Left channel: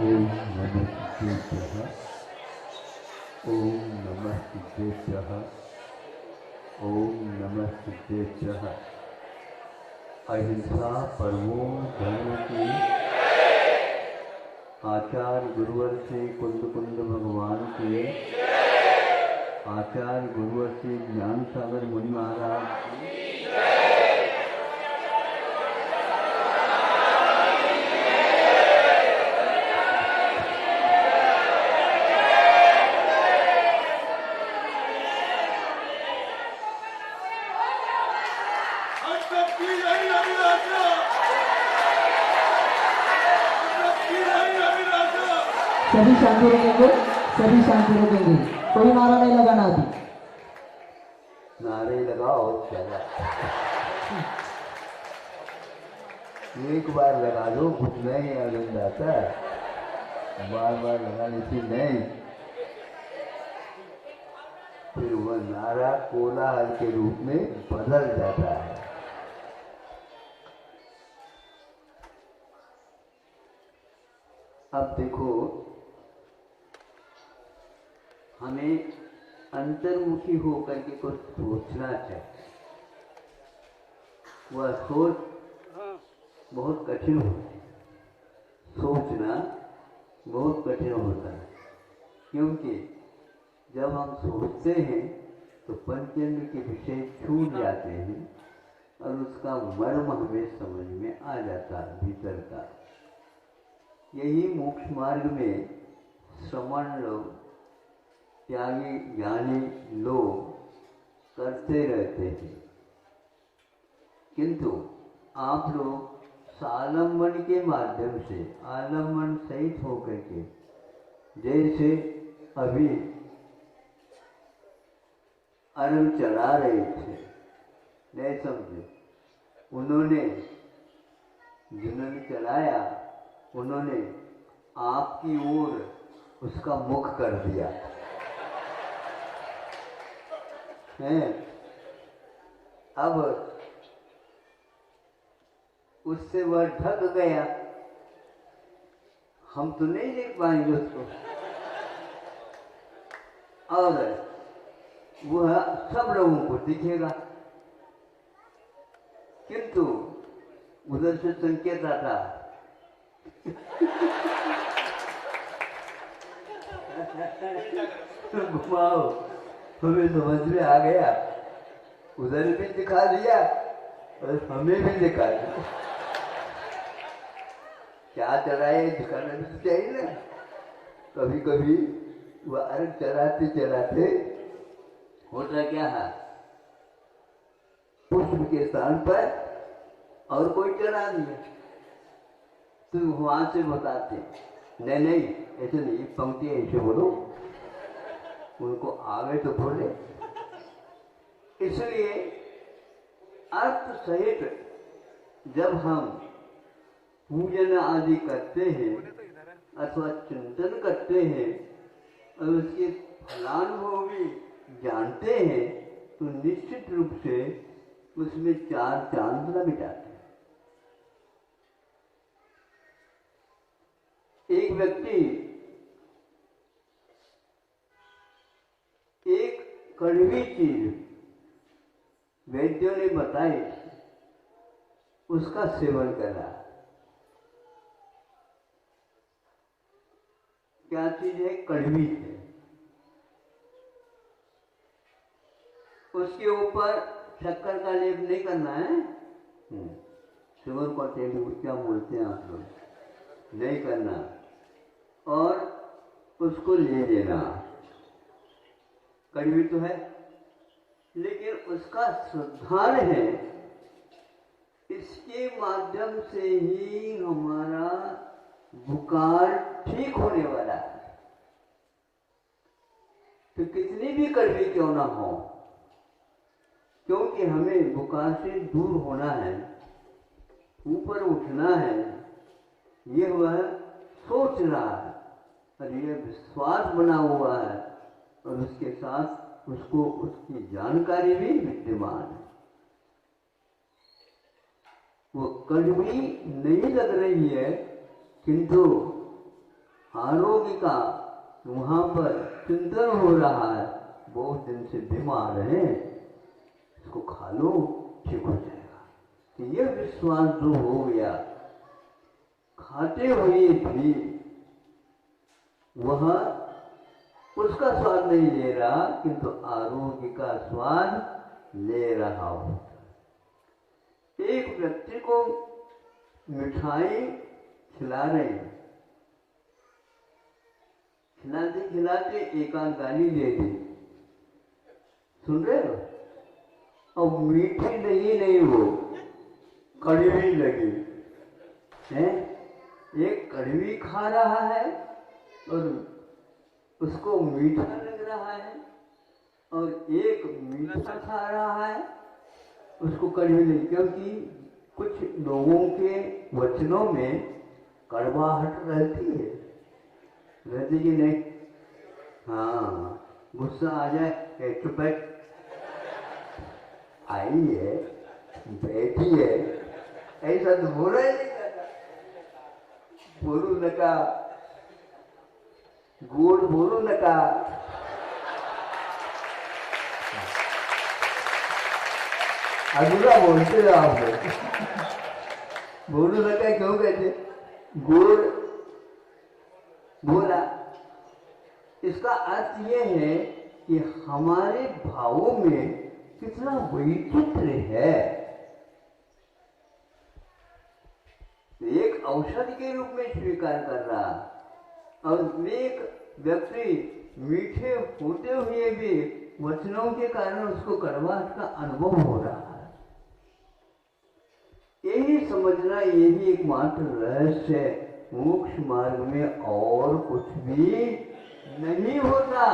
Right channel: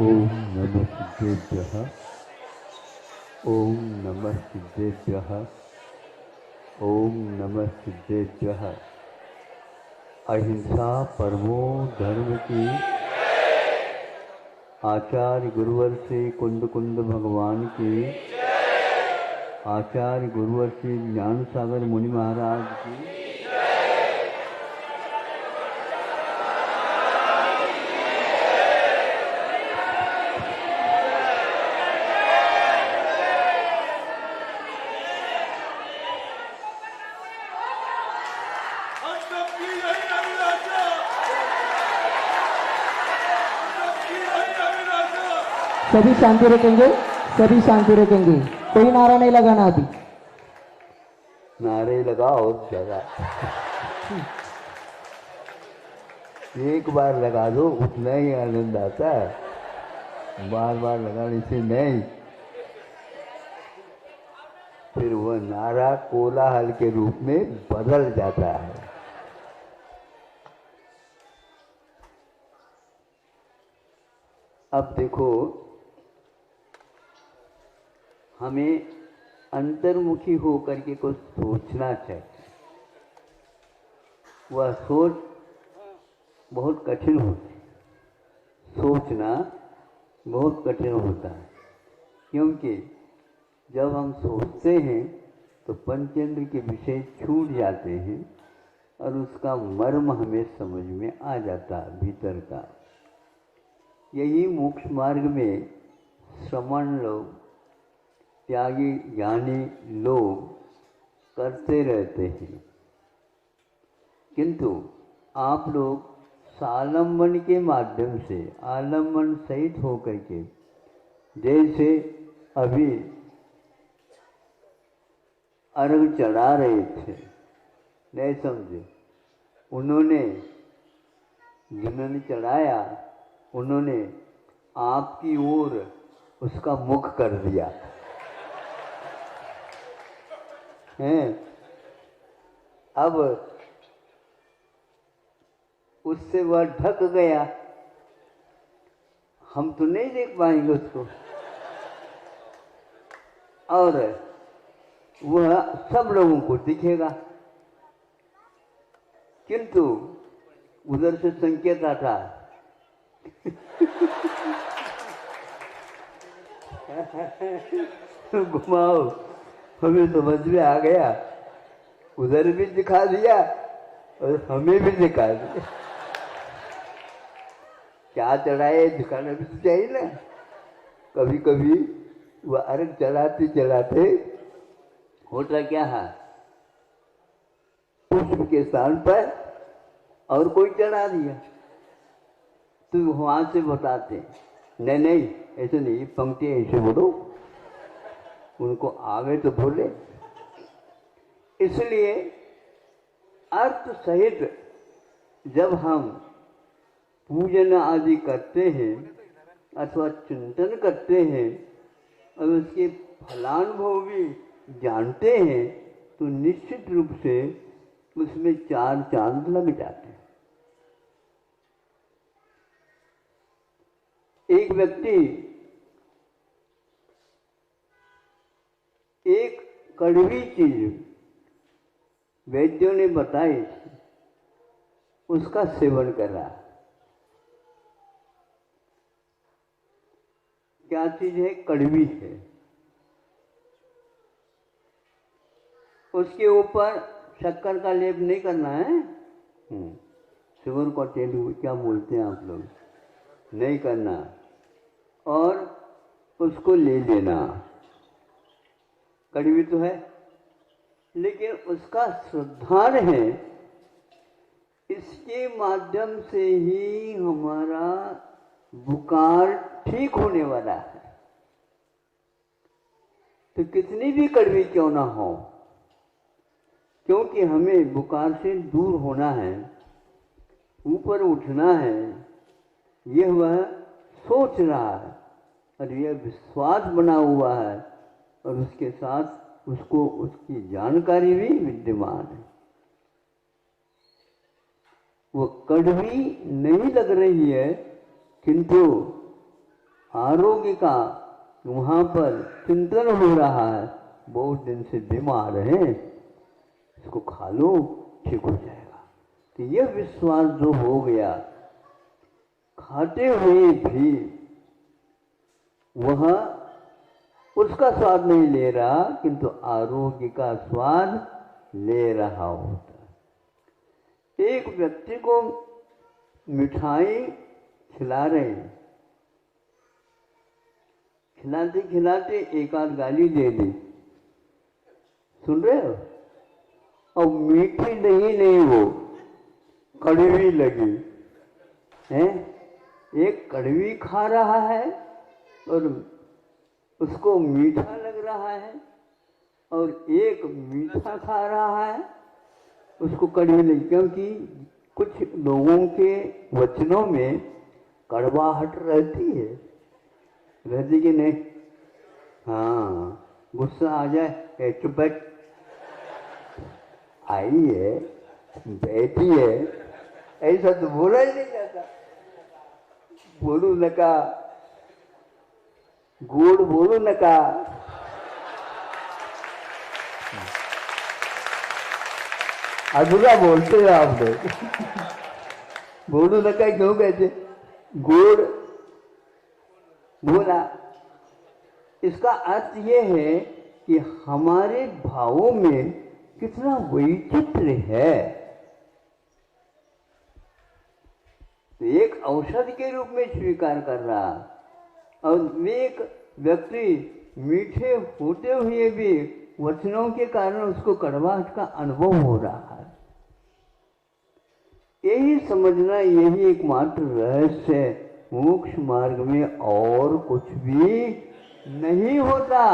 ओम नमः सिद्धेभ्यः। ओम नमः सिद्धेभ्यः। ओम नमः सिद्धेभ्यः। अहिंसा परमो धर्म की आचार्य गुरुवर से कुंद कुंद भगवान की, आचार्य गुरुवर से ज्ञान सागर मुनि महाराज की, सभी शांति रखेंगे, सभी शांति रखेंगे। कोई नारा नहीं लगाना अभी। नारे लगाओ जरा, एक बार लगा दो, उतना ही आनंद आता है, बार बार लगाने से नहीं। फिर वह नारा कोलाहल के रूप में बदल जाता है। अब देखो, हमें अंतर्मुखी होकर के कुछ सोचना चाहिए। वह सोच बहुत कठिन होती है, सोचना बहुत कठिन होता है, क्योंकि जब हम सोचते हैं तो पंचेंद्र के विषय छूट जाते हैं और उसका मर्म हमें समझ में आ जाता है भीतर का। यही मोक्ष मार्ग में श्रमण लोग, त्यागी ज्ञानी लोग करते रहते हैं, किंतु आप लोग सालंबन के माध्यम से आलंबन सहित होकर के, जैसे अभी अर्घ चढ़ा रहे थे, नहीं समझे, उन्होंने जिन्होंने चढ़ाया उन्होंने आपकी ओर उसका मुख कर दिया है। अब उससे वह ढक गया, हम तो नहीं देख पाएंगे उसको, और वह सब लोगों को दिखेगा, किंतु उधर से संकेत आता घुमाओ, हमें समझ में आ गया, उधर भी दिखा दिया और हमें भी दिखा दिया। क्या चढ़ाए, दिखाना भी तो चाहिए ना। कभी कभी वह अर्घ चलाते चलाते होता क्या है, पुष्प के स्थान पर और कोई चढ़ा दिया, तो वहां से बताते नहीं नहीं ऐसे नहीं, पंक्ति ऐसे बोलो, उनको आगे तो बोले। इसलिए अर्थ सहित जब हम पूजन आदि करते हैं अथवा चिंतन करते हैं और उसके फलानुभवी जानते हैं, तो निश्चित रूप से उसमें चार चांद लग जाते हैं। एक व्यक्ति एक कड़वी चीज वैद्यों ने बताई, उसका सेवन करा। क्या चीज है? कड़वी है। उसके ऊपर शक्कर का लेप नहीं करना है, शुगर का तेल क्या बोलते हैं आप लोग, नहीं करना, और उसको ले लेना। कड़वी तो है, लेकिन उसका श्रद्धान है, इसके माध्यम से ही हमारा बुखार ठीक होने वाला है। तो कितनी भी कड़वी क्यों ना हो, क्योंकि हमें बुखार से दूर होना है, ऊपर उठना है, यह वह सोच रहा है और यह विश्वास बना हुआ है, और उसके साथ उसको उसकी जानकारी भी विद्यमान है। वो कड़वी नहीं लग रही है, किंतु आरोग्य का वहां पर चिंतन हो रहा है, बहुत दिन से बीमार है, इसको खा लो ठीक हो जाएगा। तो यह विश्वास जो हो गया, खाते हुए भी वह उसका स्वाद नहीं ले रहा, किंतु आरोग्य का स्वाद ले रहा होता। एक व्यक्ति को मिठाई खिला रहे हैं, खिलाते खिलाते एक आध गाली दे दी, सुन रहे हो, और मीठी नहीं वो कड़वी लगी है। एक कड़वी खा रहा है और उसको मीठा लग रहा है, और एक मीठा खा रहा है उसको कड़वी लगी, क्योंकि कुछ लोगों के वचनों में कड़वाहट रहती कि नहीं। हाँ, गुस्सा आ जाए, चुप बैठ, आई है, बैठी है, ऐसा तो बोला ही नहीं जाता। बोलू नका, गोड़ बोलू नका, अगला बोलते हो आप बोलू नका क्यों कहते? गोड़ बोला, इसका अर्थ ये है कि हमारे भावों में कितना वैचित्र्य है। एक औषधि के रूप में स्वीकार कर रहा, और एक व्यक्ति मीठे होते हुए भी वचनों के कारण उसको कड़वाहट का अनुभव हो रहा है। यही समझना, यही एकमात्र रहस्य है मोक्ष मार्ग में, और कुछ भी नहीं होता।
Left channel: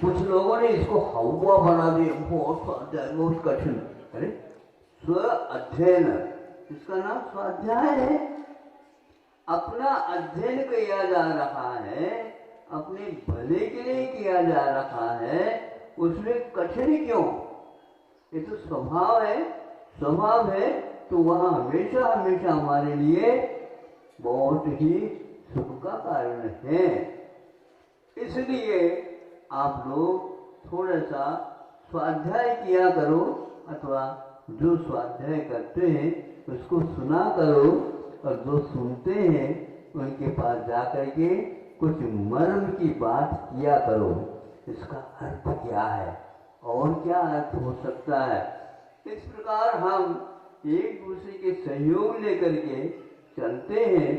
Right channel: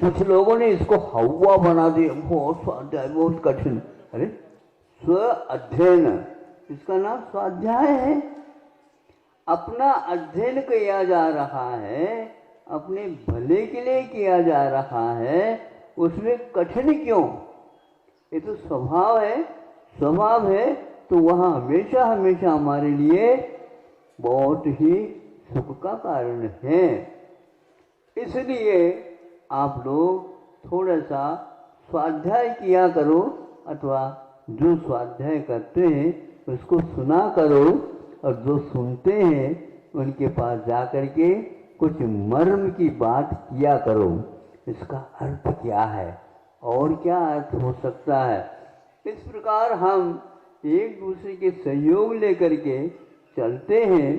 कुछ लोगों ने इसको हवा बना दिया, बहुत स्वाध्याय, बहुत कठिन। अरे स्व अध्ययन, इसका नाम स्वाध्याय है। अपना अध्ययन किया जा रहा है, अपने भले के लिए किया जा रहा है, उसमें कठिन क्यों? ये तो स्वभाव है, स्वभाव है, तो वह हमेशा हमेशा हमारे लिए बहुत ही सुख का कारण है। इसलिए आप लोग थोड़ा सा स्वाध्याय किया करो, अथवा जो स्वाध्याय करते हैं उसको सुना करो, और जो सुनते हैं उनके पास जाकर के कुछ मर्म की बात किया करो। इसका अर्थ क्या है और क्या अर्थ हो सकता है? इस प्रकार हम एक दूसरे के सहयोग लेकर के चलते हैं,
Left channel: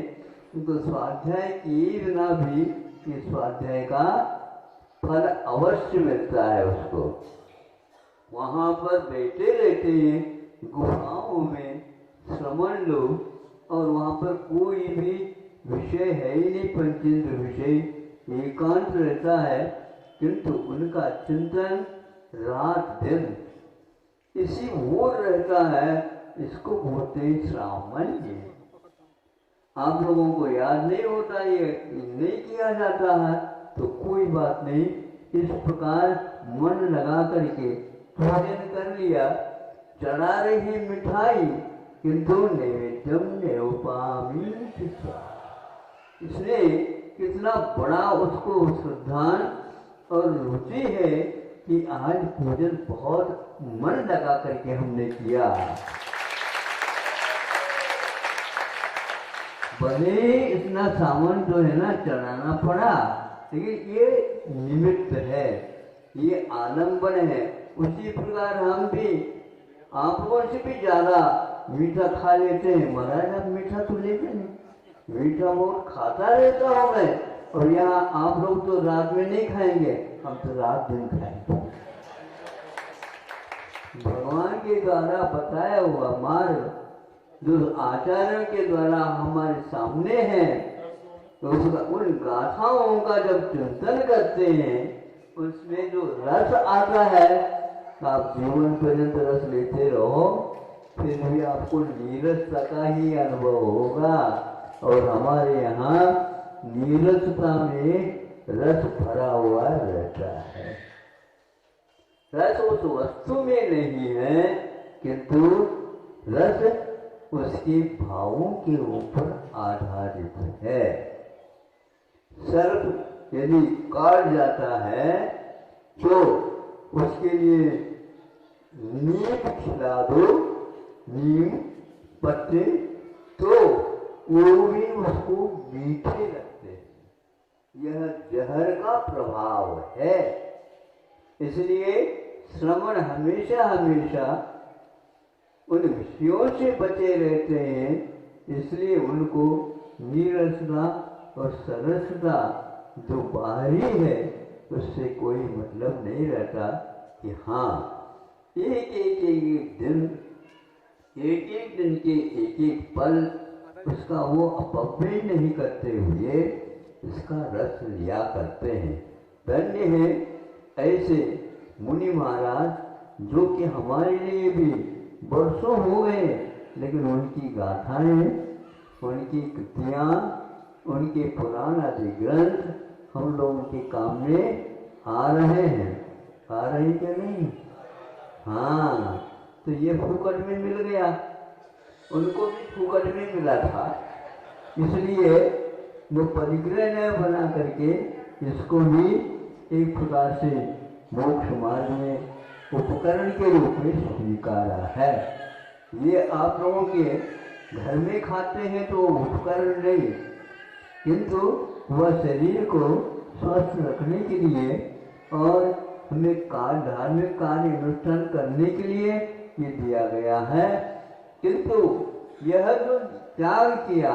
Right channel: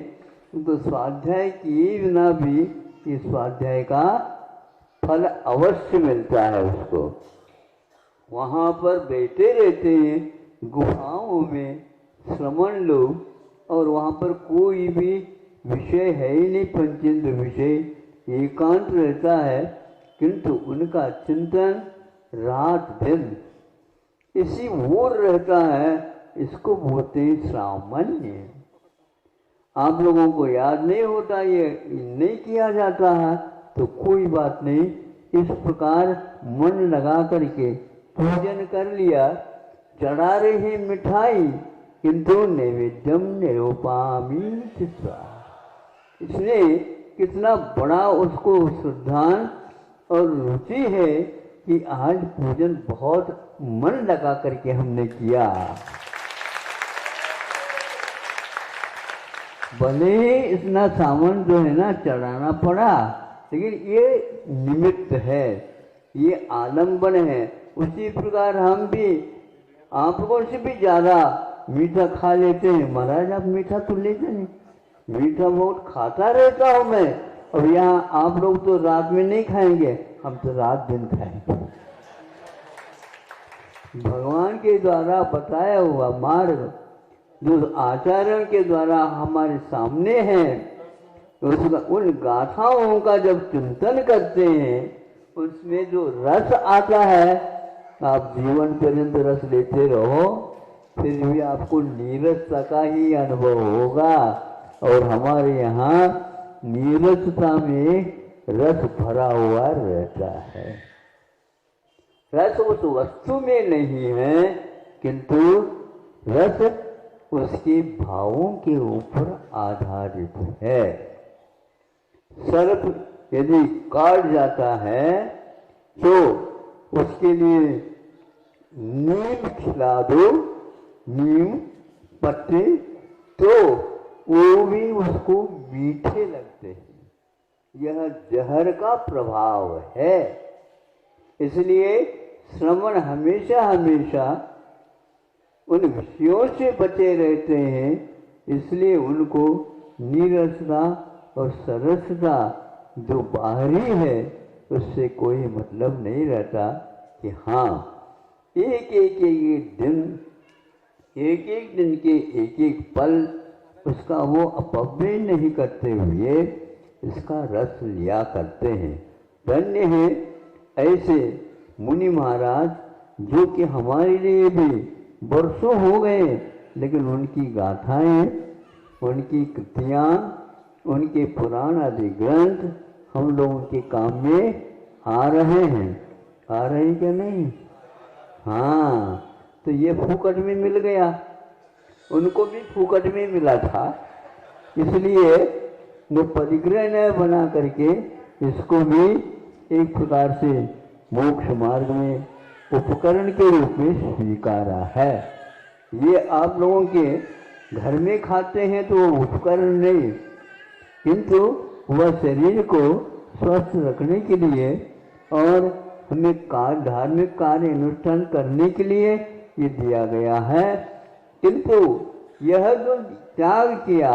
तो स्वाध्याय किए बिना भी इस स्वाध्याय का फल अवश्य मिलता है उसको। वहां पर बैठे रहते हैं गुफाओं में श्रमण लोग, और वहां पर कोई भी विषय है ही नहीं, पंचेंद्र विषय, एकांत रहता है, किंतु उनका चिंतन रात दिन इसी ओर रहता है। इसको बोलते हैं सामान्य। आप लोगों को याद नहीं होता, ये नहीं किया जाता है, तो कोई बात नहीं। इस प्रकार मन लगा करके पूजन कर लिया, चढ़ा रही मिठाई, किंतु नैवेद्यम नैवपामी, इसने कितना बड़ा उसको श्रद्धा और रुचि है कि आज पूजन बहुत मन लगा करके हमने किया। भले इतना सामान जो है ना चढ़ाना पड़ा, लेकिन ये निमित्त है, ये आलम्बन है। उसी प्रकार हम भी आप लोगों से भी ज्यादा मीठा खा लेते हैं। महाराज आप मीठा तो लेते नहीं, मीठा बहुत खाता रहता हूं मैं, और यहाँ आप लोग तो रात में नहीं खाएंगे, हम तो रात दिन खाएंगे। भगवान के द्वारा बताया हुआ मार्ग जो आचार्यों के द्वारा हमारे सामने है, उसका उन गाथाओं का जब चिंतन करते हैं, उसमें जो रस आता है, आप जीवन पर्यंत रस लेते रहो, फिर भी आपको नीरसता का ही अनुभव होगा। और हमारे यहाँ नीरसता में रस भरा हुआ रहता है। रस उस वस्तु में नहीं है, किंतु रस उसके भावों के ऊपर आधारित है। सर्प यदि काट जाता है तो उसके लिए नीम खिला दो, नीम पत्ते, तो वो भी उसको मीठे लगते हैं। यह जहर का प्रभाव है। इसलिए श्रवण हमेशा हमेशा उन विषयों से बचे रहते हैं। इसलिए उनको नीरसता और सरसता जो बाहरी है उससे कोई मतलब नहीं रहता कि हाँ एक एक दिन के एक एक पल उसका वो अपव्यय नहीं करते हुए इसका रस लिया करते हैं। धन्य है ऐसे मुनि महाराज जो कि हमारे लिए भी वर्षों हो गए, लेकिन उनकी गाथाएं, उनकी कृतियाँ, उनके पुराण आदि ग्रंथ हम लोगों के काम में आ रहे हैं। आ रहे क्या नहीं? हाँ, तो ये फूकट में मिल गया, उनको भी फूकट में मिला था। इसलिए वो परिग्रह न बना करके इसको भी एक प्रकार से मोक्ष मार्ग में उपकरण के रूप में स्वीकारा है। ये आप लोगों के घर में खाते हैं तो उपकरण नहीं, किंतु वह शरीर को स्वस्थ रखने के लिए और हमें धार्मिक कार्य अनुष्ठान करने के लिए ये दिया गया है। किंतु यह जो त्याग किया,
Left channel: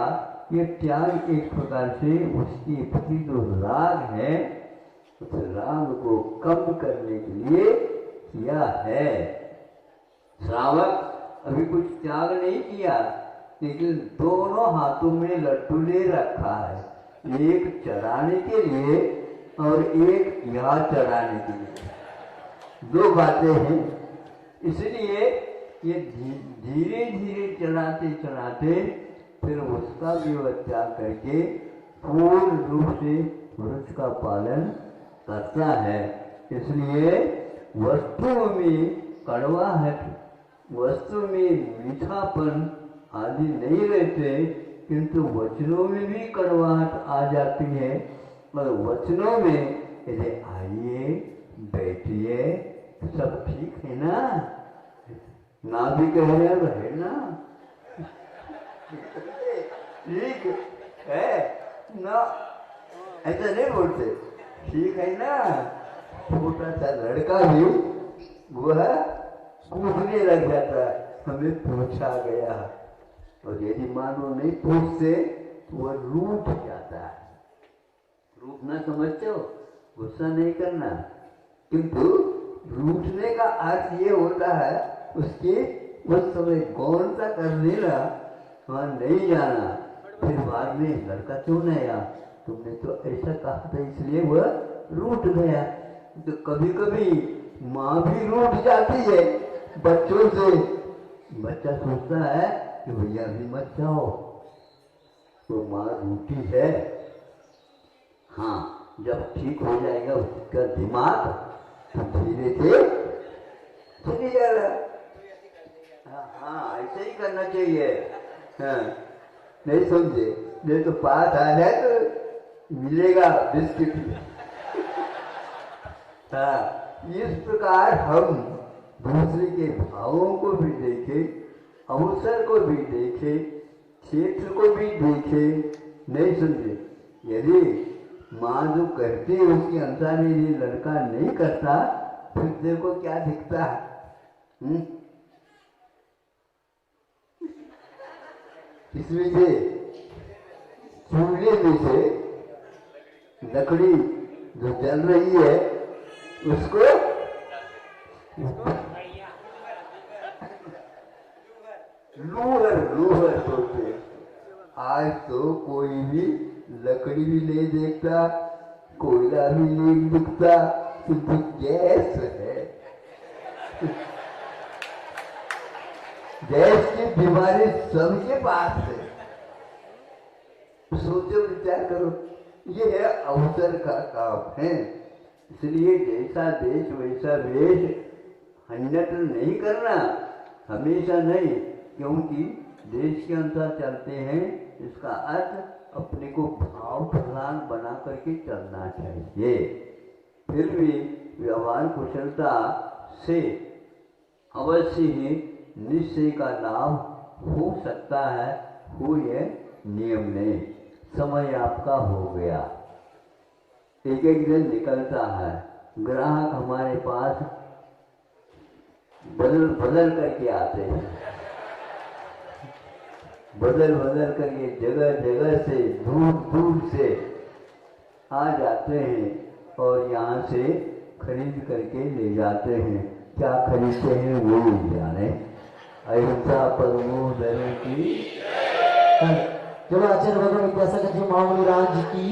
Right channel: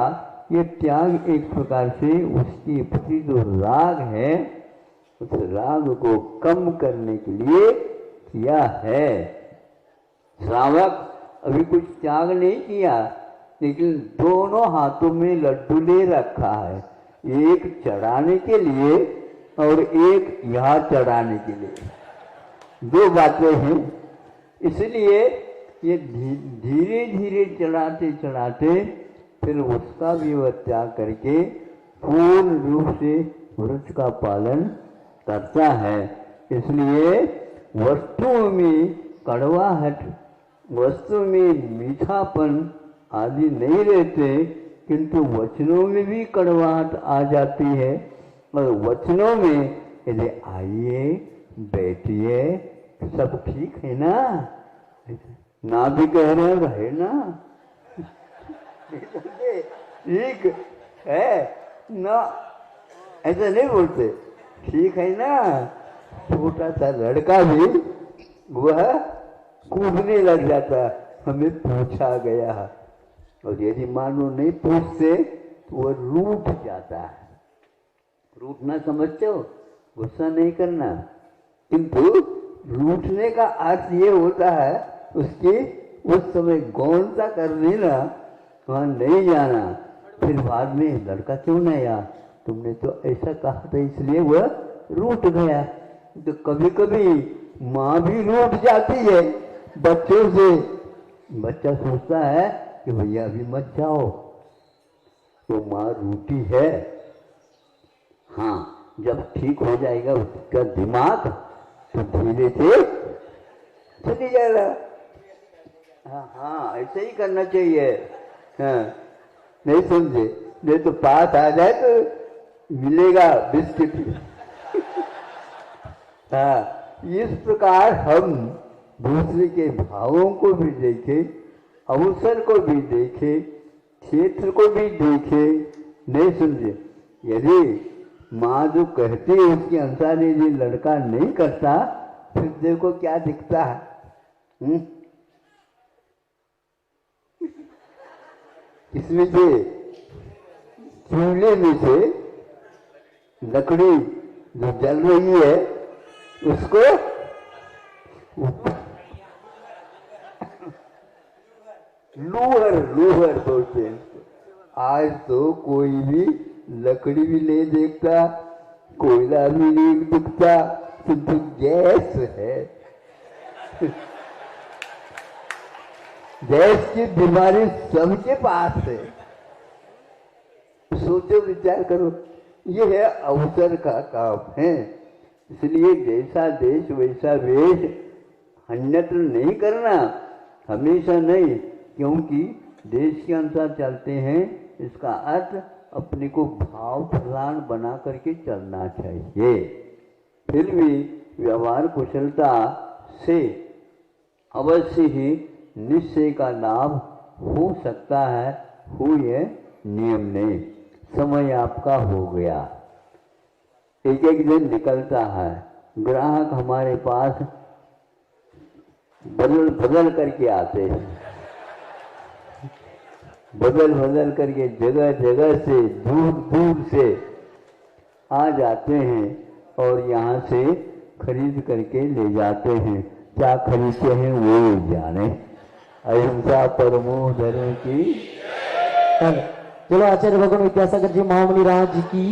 ये त्याग एक प्रकार से उसकी प्रति जो राग है उस राग को कम करने के लिए किया है। श्रावक अभी कुछ त्याग नहीं किया, लेकिन दोनों हाथों में लड्डू ले रखा है, एक चढ़ाने के लिए और एक यहाँ चढ़ाने के लिए। दो बातें हैं। इसलिए ये धीरे धीरे चढ़ाते चढ़ाते फिर उसका भी वह त्याग करके पूर्ण रूप से व्रत का पालन करता है। इसलिए वस्तुओं में कड़वाहट, वस्तु में मीठापन आदि नहीं रहते, किंतु वचनों में भी कड़वाहट आ जाती है। और वचनों में यदि आइए बैठिए सब ठीक है ना, ना भी कह रहे रहे ना, ठीक है ना, ऐसा नहीं बोलते, ठीक है ना। छोटा सा लड़का भी वह कूदने लग जाता, हमें पूछा गया, और यदि मानो नहीं पूछते तो वह रूठ जाता है। रूठना समझते हो, गुस्सा नहीं करना, किंतु रूठने का अर्थ ये होता है उसकी उस समय गौरता कर लेना, वहां नहीं जाना, फिर बाद में लड़का क्यों नहीं आया, तुमने तो ऐसा कहा था इसलिए वह रूठ गया। तो कभी कभी माँ भी रूठ जाती है बच्चों से। बच्चा सोचता है कि भैया अभी मत जाओ, तो माँ रूठी है। हाँ, जब ठीक हो जाएगा उसका दिमाग तो धीरे से चली जाएगा। हाँ, ऐसे ही करना चाहिए। हाँ, नहीं समझे, नहीं तो पास आ जाए तो मिलेगा बिस्किट। हाँ, इस प्रकार हम दूसरे के भावों को भी देखें, अवसर को भी देखें, क्षेत्र को भी देखें। नहीं समझे, यदि माँ जो कहती है उसके अनुसार यदि लड़का नहीं करता, फिर देखो क्या दिखता है। इसमें से चूल्हे में से लकड़ी जो जल रही है उसको लूहर बोलते हैं। आज तो कोई भी लकड़ी भी नहीं देखता, कोयला भी नहीं दिखता, तो गैस है। गैस की बीमारी सबके पास है। सोचो, विचार करो, ये है अवसर का काम है। इसलिए जैसा देश वैसा वेश, अन्यत्र नहीं करना, हमेशा नहीं, क्योंकि देश के अनुसार चलते हैं, इसका अर्थ अपने को भाव प्रधान बना करके चलना चाहिए। फिर भी व्यवहार कुशलता से अवश्य ही निश्चय का लाभ हो सकता है, हुए नियम नहीं। समय आपका हो गया, एक एक दिन निकलता है, ग्राहक हमारे पास बदल करके आते हैं, बदल करके जगह जगह से दूर दूर से आ जाते हैं और यहाँ से खरीद करके ले जाते हैं। क्या खरीदते हैं वो ही जाने। अहिंसा परमो धर्म की। चलो आचार्य भगवान विद्यासागर जी महामुनि राज जी की,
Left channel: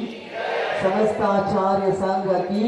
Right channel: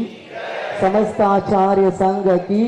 समस्त आचार्य संघ की